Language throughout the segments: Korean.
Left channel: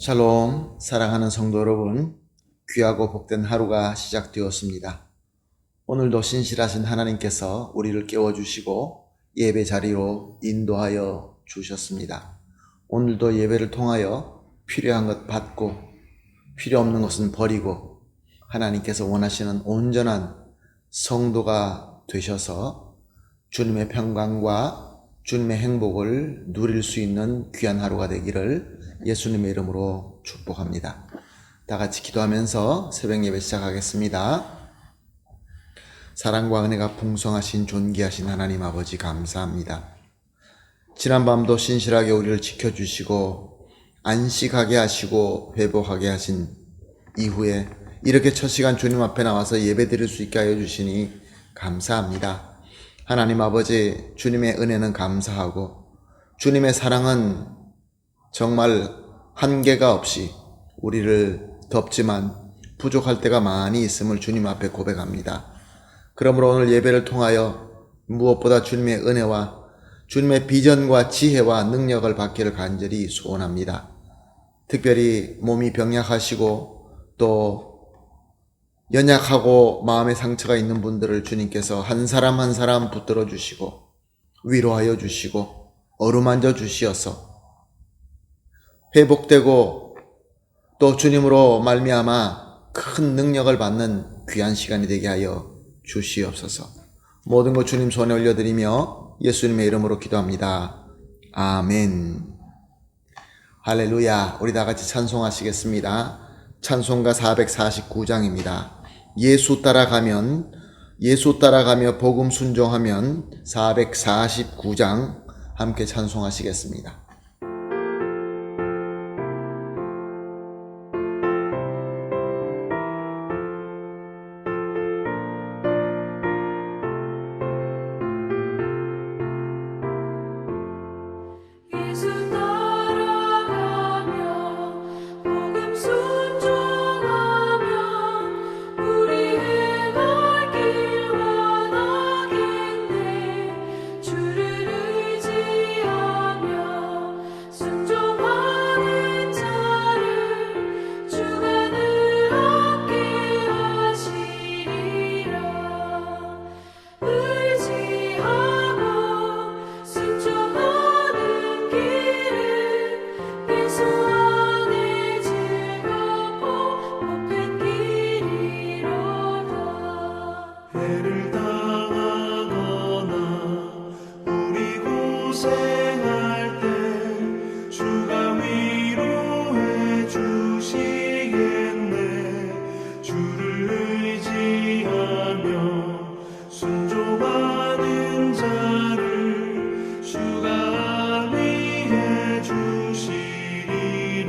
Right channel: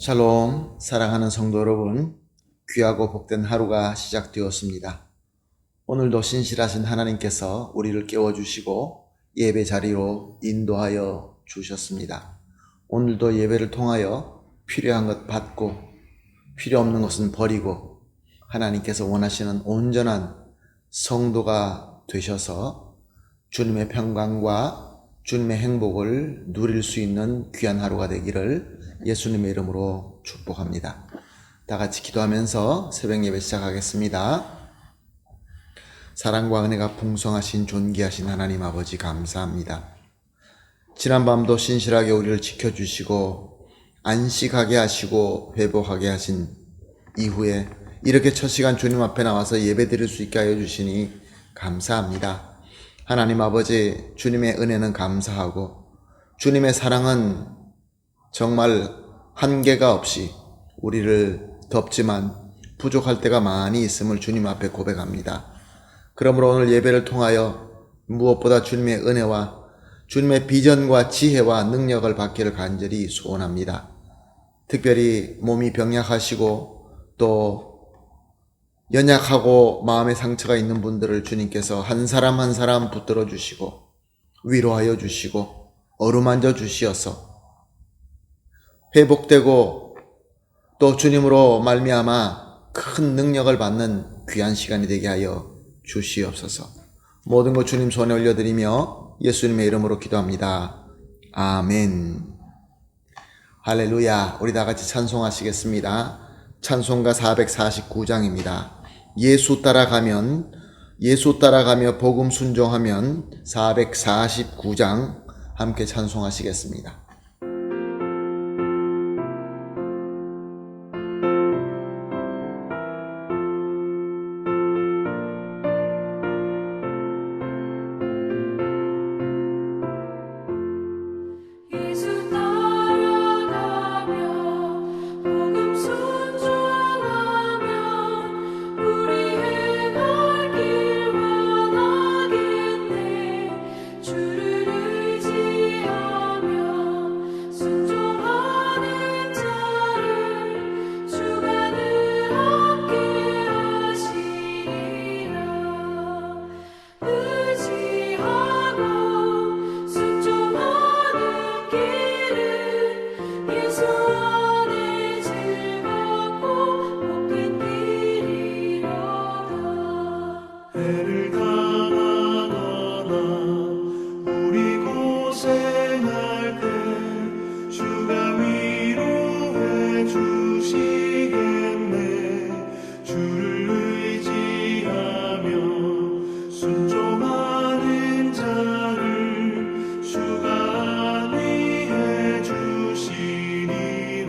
샬롬, 사랑하는 성도 여러분, 귀하고 복된 하루가 시작되었습니다. 오늘도 신실하신 하나님께서 우리를 깨워주시고 예배 자리로 인도하여 주셨습니다. 오늘도 예배를 통하여 필요한 것 받고 필요 없는 것은 버리고 하나님께서 원하시는 온전한 성도가 되셔서 주님의 평강과 주님의 행복을 누릴 수 있는 귀한 하루가 되기를 예수님의 이름으로 축복합니다. 다 같이 기도하면서 새벽 예배 시작하겠습니다. 사랑과 은혜가 풍성하신 존귀하신 하나님 아버지 감사합니다. 지난밤도 신실하게 우리를 지켜주시고 안식하게 하시고 회복하게 하신 이후에 이렇게 첫 시간 주님 앞에 나와서 예배 드릴 수 있게 하여 주시니 감사합니다. 하나님 아버지, 주님의 은혜는 감사하고 주님의 사랑은 정말 한계가 없이 우리를 덮지만 부족할 때가 많이 있음을 주님 앞에 고백합니다. 그러므로 오늘 예배를 통하여 무엇보다 주님의 은혜와 주님의 비전과 지혜와 능력을 받기를 간절히 소원합니다. 특별히 몸이 병약하시고 또 연약하고 마음의 상처가 있는 분들을 주님께서 한 사람 한 사람 붙들어 주시고 위로하여 주시고 어루만져 주시어서 회복되고 또 주님으로 말미암아 큰 능력을 받는 귀한 시간이 되게 하여 주시옵소서. 모든 것 주님 손에 올려드리며 예수님의 이름으로 기도합니다. 아멘. 할렐루야. 우리 다 같이 찬송하시겠습니다. 찬송가 449장입니다. 예수 따라가며 복음 순종하면 449장 함께 찬송하시겠습니다. 주가 위해 주시리라.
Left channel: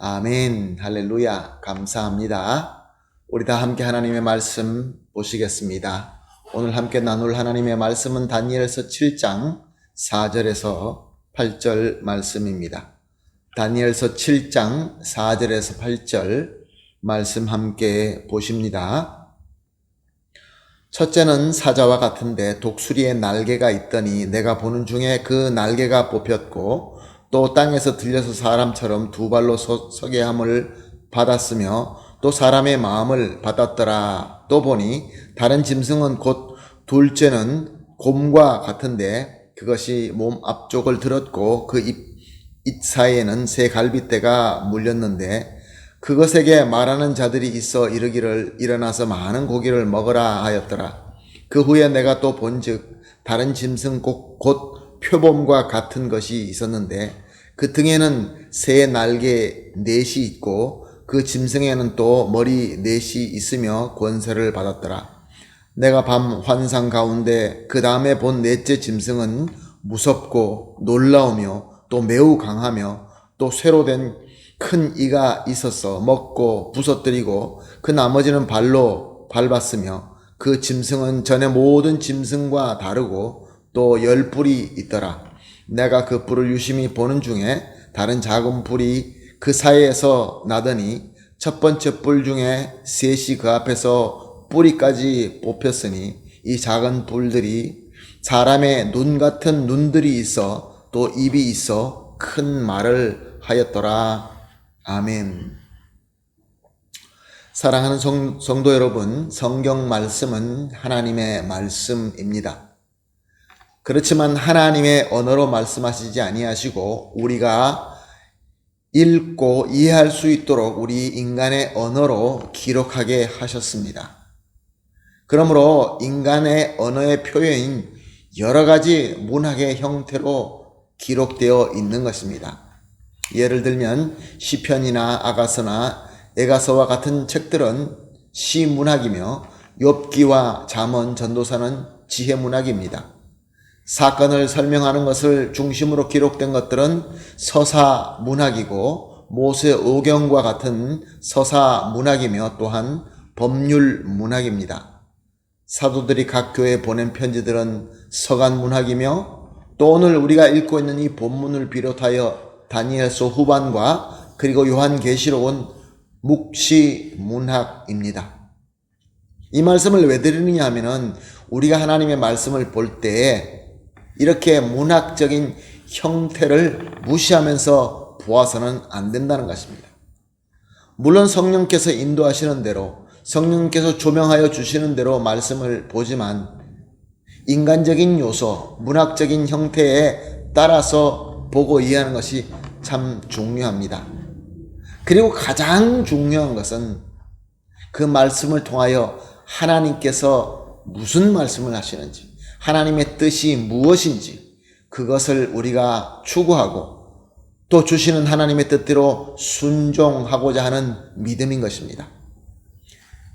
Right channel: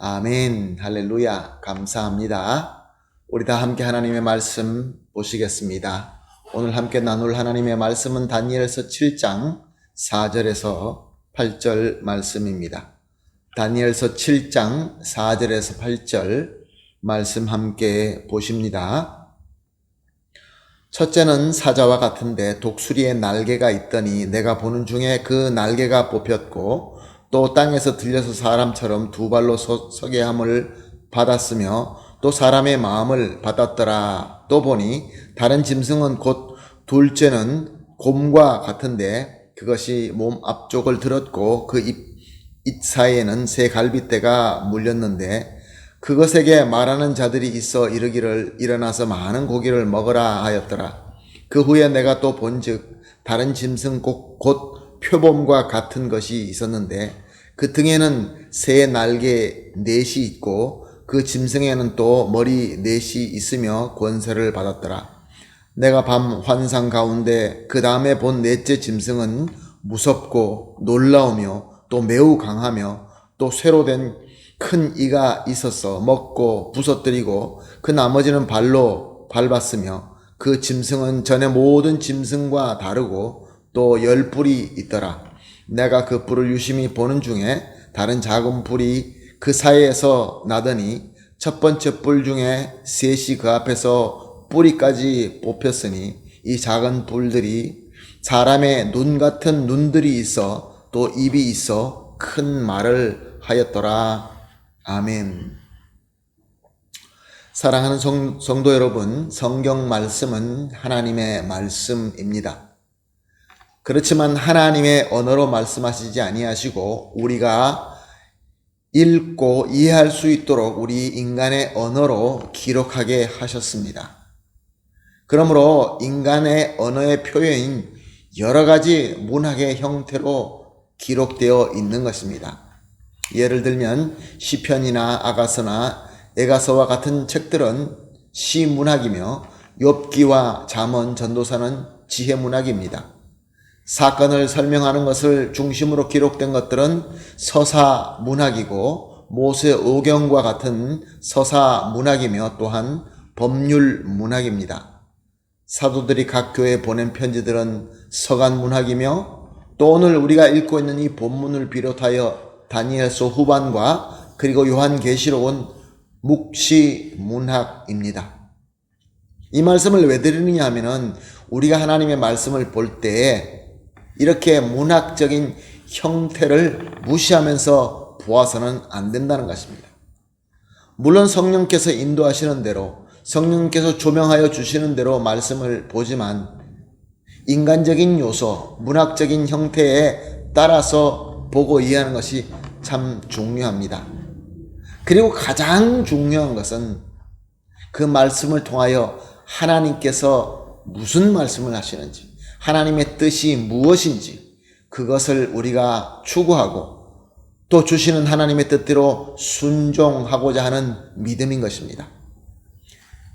아멘. 할렐루야. 감사합니다. 우리 다 함께 하나님의 말씀 보시겠습니다. 오늘 함께 나눌 하나님의 말씀은 다니엘서 7장 4절에서 8절 말씀입니다. 다니엘서 7장 4절에서 8절 말씀 함께 보십니다. 첫째는 사자와 같은데 독수리의 날개가 있더니 내가 보는 중에 그 날개가 뽑혔고 또 땅에서 들려서 사람처럼 두 발로 서게 함을 받았으며 또 사람의 마음을 받았더라. 또 보니 다른 짐승은 곧 둘째는 곰과 같은데 그것이 몸 앞쪽을 들었고 그 입 사이에는 새 갈빗대가 물렸는데 그것에게 말하는 자들이 있어 이르기를 일어나서 많은 고기를 먹으라 하였더라. 그 후에 내가 또 본즉 다른 짐승 곧 표범과 같은 것이 있었는데 그 등에는 새 날개 넷이 있고 그 짐승에는 또 머리 넷이 있으며 권세를 받았더라. 내가 밤 환상 가운데 그 다음에 본 넷째 짐승은 무섭고 놀라우며 또 매우 강하며 또 쇠로 된 큰 이가 있어서 먹고 부서뜨리고 그 나머지는 발로 밟았으며 그 짐승은 전에 모든 짐승과 다르고 또 10뿔이 있더라. 내가 그 뿔을 유심히 보는 중에 다른 작은 뿔이 그 사이에서 나더니 첫 번째 뿔 중에 셋이 그 앞에서 뿌리까지 뽑혔으니 이 작은 뿔들이 사람의 눈 같은 눈들이 있어 또 입이 있어 큰 말을 하였더라. 아멘. 사랑하는 성도 여러분, 성경 말씀은 하나님의 말씀입니다. 그렇지만 하나님의 언어로 말씀하시지 아니하시고 우리가 읽고 이해할 수 있도록 우리 인간의 언어로 기록하게 하셨습니다. 그러므로 인간의 언어의 표현인 여러 가지 문학의 형태로 기록되어 있는 것입니다. 예를 들면 시편이나 아가서나 에가서와 같은 책들은 시문학이며 욥기와 잠언, 전도서는 지혜문학입니다. 사건을 설명하는 것을 중심으로 기록된 것들은 서사문학이고 모세오경과 같은 서사문학이며 또한 법률문학입니다. 사도들이 각 교회에 보낸 편지들은 서간문학이며 또 오늘 우리가 읽고 있는 이 본문을 비롯하여 다니엘서 후반과 그리고 요한계시록은 묵시문학입니다. 이 말씀을 왜 드리느냐 하면은 우리가 하나님의 말씀을 볼 때에 이렇게 문학적인 형태를 무시하면서 보아서는 안 된다는 것입니다. 물론 성령께서 인도하시는 대로 성령께서 조명하여 주시는 대로 말씀을 보지만 인간적인 요소, 문학적인 형태에 따라서 보고 이해하는 것이 참 중요합니다. 그리고 가장 중요한 것은 그 말씀을 통하여 하나님께서 무슨 말씀을 하시는지, 하나님의 뜻이 무엇인지 그것을 우리가 추구하고 또 주시는 하나님의 뜻대로 순종하고자 하는 믿음인 것입니다.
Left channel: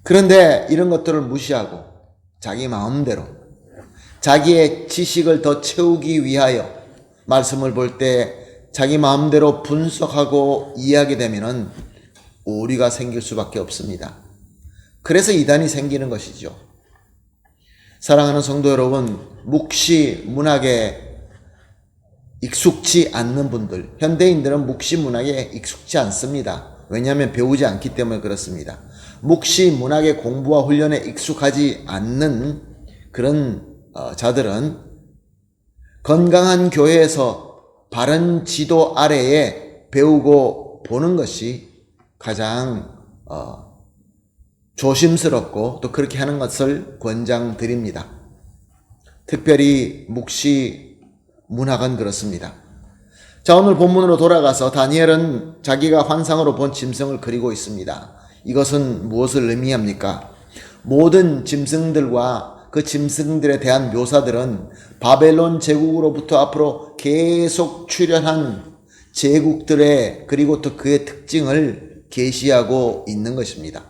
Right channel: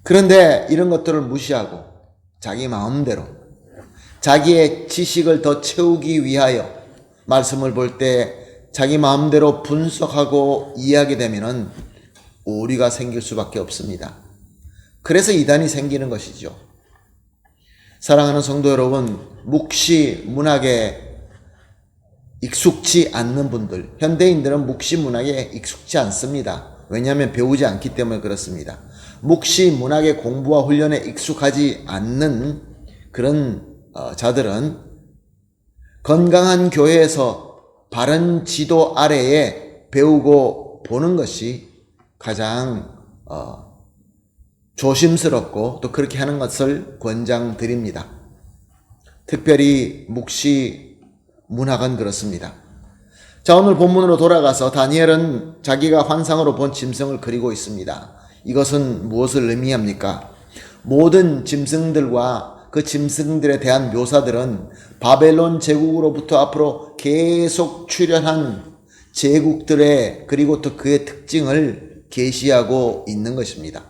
그런데 이런 것들을 무시하고 자기 마음대로 자기의 지식을 더 채우기 위하여 말씀을 볼 때 자기 마음대로 분석하고 이해하게 되면 오류가 생길 수밖에 없습니다. 그래서 이단이 생기는 것이죠. 사랑하는 성도 여러분, 묵시 문학에 익숙지 않는 분들, 현대인들은 묵시 문학에 익숙지 않습니다. 왜냐하면 배우지 않기 때문에 그렇습니다. 묵시 문학의 공부와 훈련에 익숙하지 않는 그런 자들은 건강한 교회에서 바른 지도 아래에 배우고 보는 것이 가장 조심스럽고 또 그렇게 하는 것을 권장드립니다. 특별히 묵시 문학은 그렇습니다. 자, 오늘 본문으로 돌아가서 다니엘은 자기가 환상으로 본 짐승을 그리고 있습니다. 이것은 무엇을 의미합니까? 모든 짐승들과 그 짐승들에 대한 묘사들은 바벨론 제국으로부터 앞으로 계속 출현한 제국들의 그리고 또 그의 특징을 계시하고 있는 것입니다.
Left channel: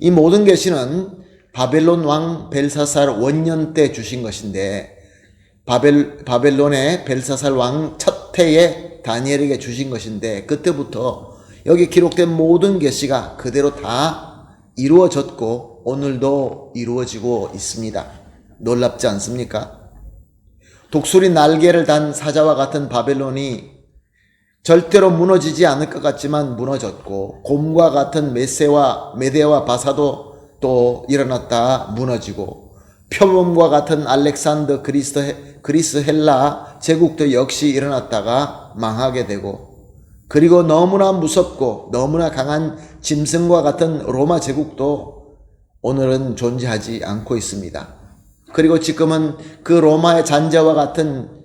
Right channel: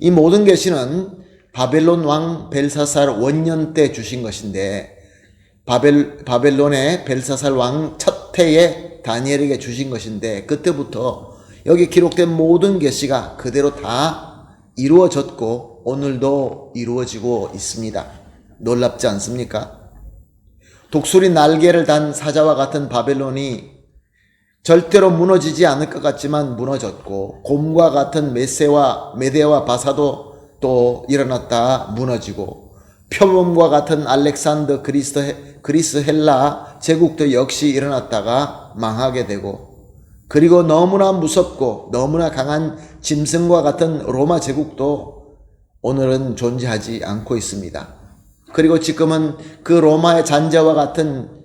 이 모든 계시는 바벨론 왕 벨사살 원년 때 주신 것인데 바벨론의 벨사살 왕 첫 해에 다니엘에게 주신 것인데 그때부터 여기 기록된 모든 계시가 그대로 다 이루어졌고 오늘도 이루어지고 있습니다. 놀랍지 않습니까? 독수리 날개를 단 사자와 같은 바벨론이 절대로 무너지지 않을 것 같지만 무너졌고, 곰과 같은 메대와 바사도 또 일어났다 무너지고, 표범과 같은 알렉산더 그리스 헬라 제국도 역시 일어났다가 망하게 되고, 그리고 너무나 무섭고 너무나 강한 짐승과 같은 로마 제국도 오늘은 존재하지 않고 있습니다. 그리고 지금은 그 로마의 잔재와 같은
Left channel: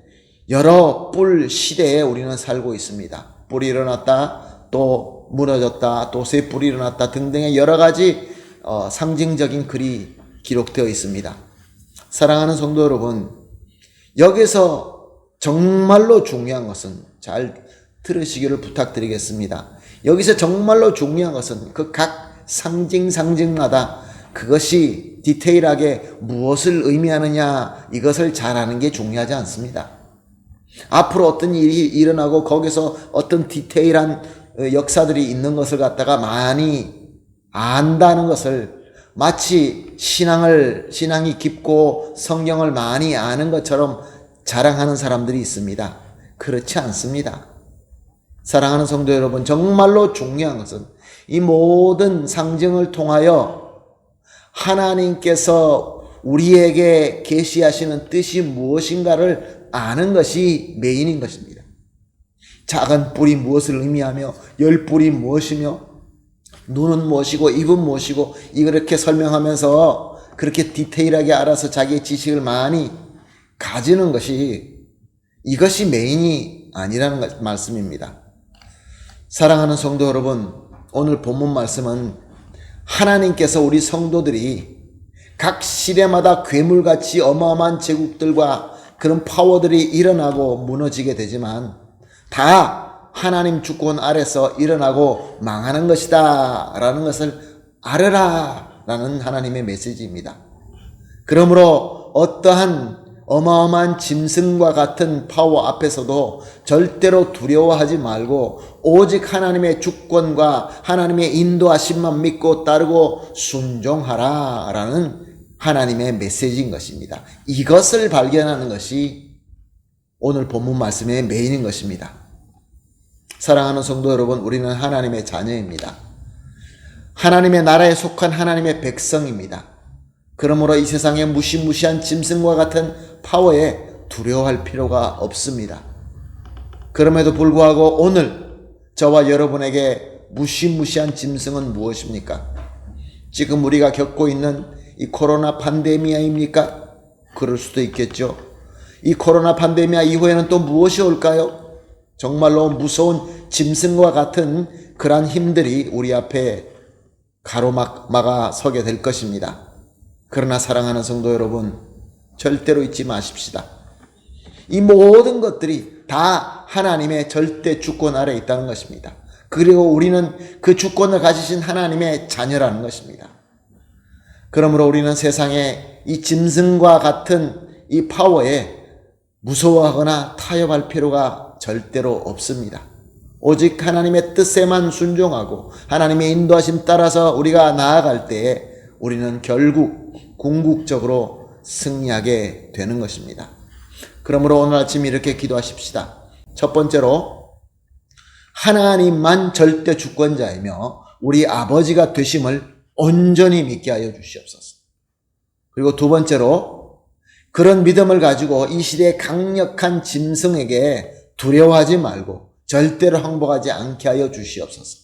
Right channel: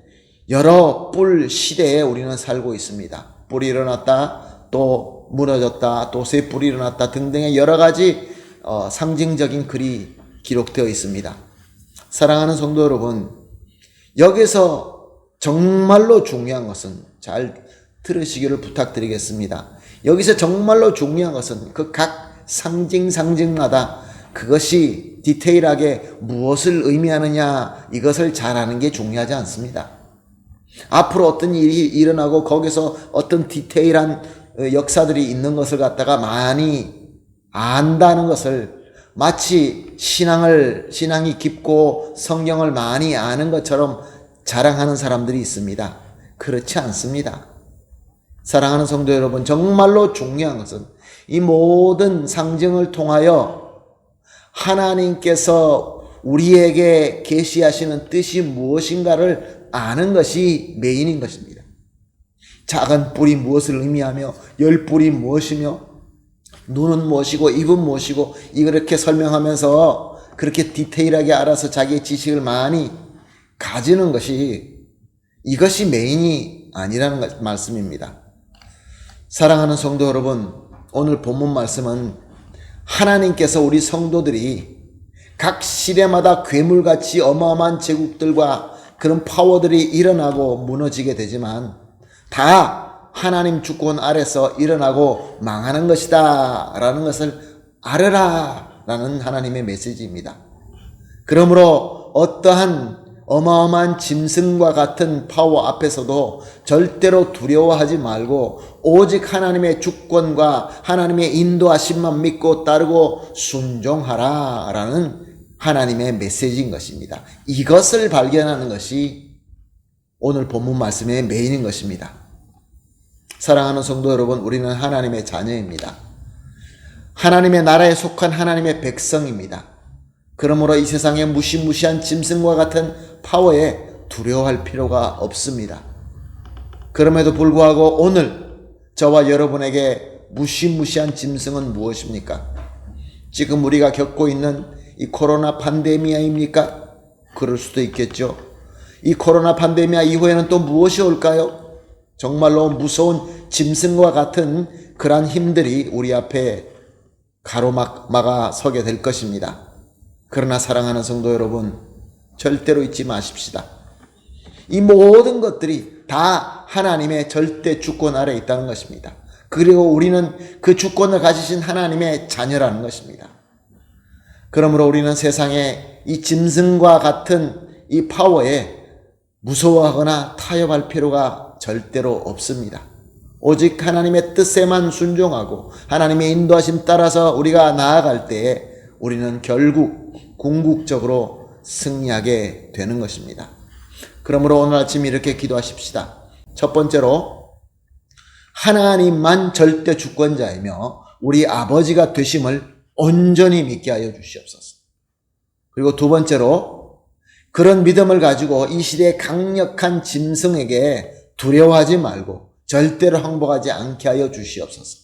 여러 뿔 시대에 우리는 살고 있습니다. 뿔이 일어났다, 또 무너졌다, 또 새 뿔이 일어났다 등등의 여러 가지 상징적인 글이 기록되어 있습니다. 사랑하는 성도 여러분, 여기서 정말로 중요한 것은, 잘 들으시기를 부탁드리겠습니다. 여기서 정말로 중요한 것은 그 각 상징마다 그것이 디테일하게 무엇을 의미하느냐, 이것을 잘 아는 게 중요하지 않습니다. 앞으로 어떤 일이 일어나고 거기서 어떤 디테일한 역사들이 있는 것을 갖다가 많이 안다는 것을 마치 신앙이 깊고 성경을 많이 아는 것처럼 자랑하는 사람들이 있습니다. 그렇지 않습니다. 사랑하는 성도 여러분, 정말로 중요한 것은 이 모든 상징을 통하여 하나님께서 우리에게 계시하시는 뜻이 무엇인가를 아는 것이 메인인 것입니다. 작은 뿔이 무엇을 의미하며, 열 뿔이 무엇이며, 눈은 무엇이고 입은 무엇이고, 이렇게 설명하면서 그렇게 디테일하게 알아서 자기의 지식을 많이 가지는 것이, 이것이 메인이 아니라는 말씀입니다. 사랑하는 성도 여러분, 오늘 본문 말씀은 하나님께서 우리 성도들이 각 시대마다 괴물같이 어마어마한 제국들과 그런 파워들이 일어나고 무너지게 되지만 다 하나님 주권 아래서 일어나고 망하는 것이다 라는 것을 알아라 라는 하나님의 메시지입니다. 그러므로 어떠한 어마어마한 짐승과 같은 파워 앞에서도 절대로 두려워하지 말고 오직 하나님의 주권과 하나님의 인도하심만 믿고 따르고 순종하라 라는 하나님의 메시지인 것입니다. 이것을 발견하는 것이 오늘 본문 말씀의 메인인 것입니다. 사랑하는 성도 여러분, 우리는 하나님의 자녀입니다. 하나님의 나라에 속한 하나님의 백성입니다. 그러므로 이 세상의 무시무시한 짐승과 같은 파워에 두려워할 필요가 없습니다. 그럼에도 불구하고 오늘 저와 여러분에게 무시무시한 짐승은 무엇입니까? 지금 우리가 겪고 있는 이 코로나 팬데미아입니까? 그럴 수도 있겠죠. 이 코로나 팬데미아 이후에는 또 무엇이 올까요? 정말로 무서운 짐승과 같은 그러한 힘들이 우리 앞에 가로막아 서게 될 것입니다. 그러나 사랑하는 성도 여러분, 절대로 잊지 마십시다. 이 모든 것들이 다 하나님의 절대 주권 아래에 있다는 것입니다. 그리고 우리는 그 주권을 가지신 하나님의 자녀라는 것입니다. 그러므로 우리는 세상에 이 짐승과 같은 이 파워에 무서워하거나 타협할 필요가 절대로 없습니다. 오직 하나님의 뜻에만 순종하고 하나님의 인도하심 따라서 우리가 나아갈 때에 우리는 결국 궁극적으로 승리하게 되는 것입니다. 그러므로 오늘 아침 이렇게 기도하십시다. 첫 번째로 하나님만 절대 주권자이며 우리 아버지가 되심을 온전히 믿게 하여 주시옵소서. 그리고 두 번째로 그런 믿음을 가지고 이 시대의 강력한 짐승에게 두려워하지 말고 절대로 항복하지 않게 하여 주시옵소서.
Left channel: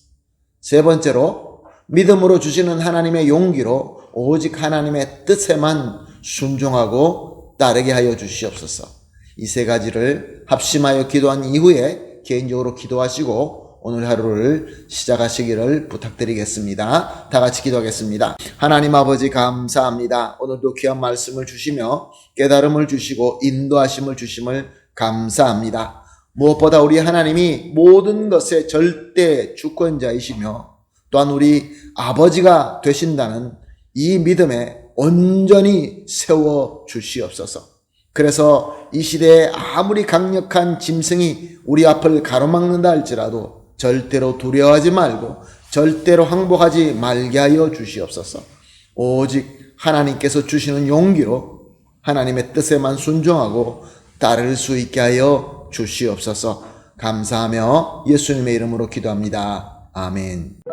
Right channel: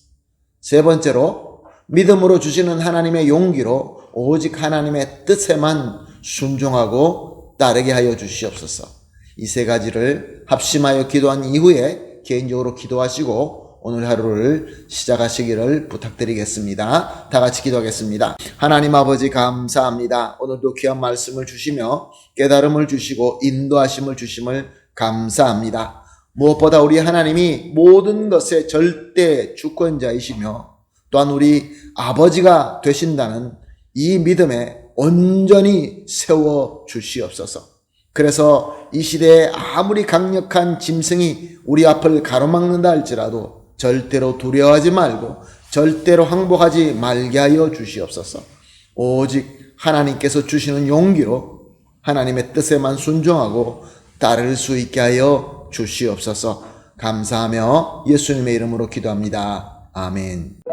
세 번째로 믿음으로 주시는 하나님의 용기로 오직 하나님의 뜻에만 순종하고 따르게 하여 주시옵소서. 이 세 가지를 합심하여 기도한 이후에 개인적으로 기도하시고 오늘 하루를 시작하시기를 부탁드리겠습니다. 다 같이 기도하겠습니다. 하나님 아버지 감사합니다. 오늘도 귀한 말씀을 주시며 깨달음을 주시고 인도하심을 주심을 감사합니다. 무엇보다 우리 하나님이 모든 것의 절대 주권자이시며 또한 우리 아버지가 되신다는 이 믿음에 온전히 세워 주시옵소서. 그래서 이 시대에 아무리 강력한 짐승이 우리 앞을 가로막는다 할지라도 절대로 두려워하지 말고 절대로 항복하지 말게 하여 주시옵소서. 오직 하나님께서 주시는 용기로 하나님의 뜻에만 순종하고 따를 수 있게 하여 주시옵소서. 감사하며 예수님의 이름으로 기도합니다. 아멘.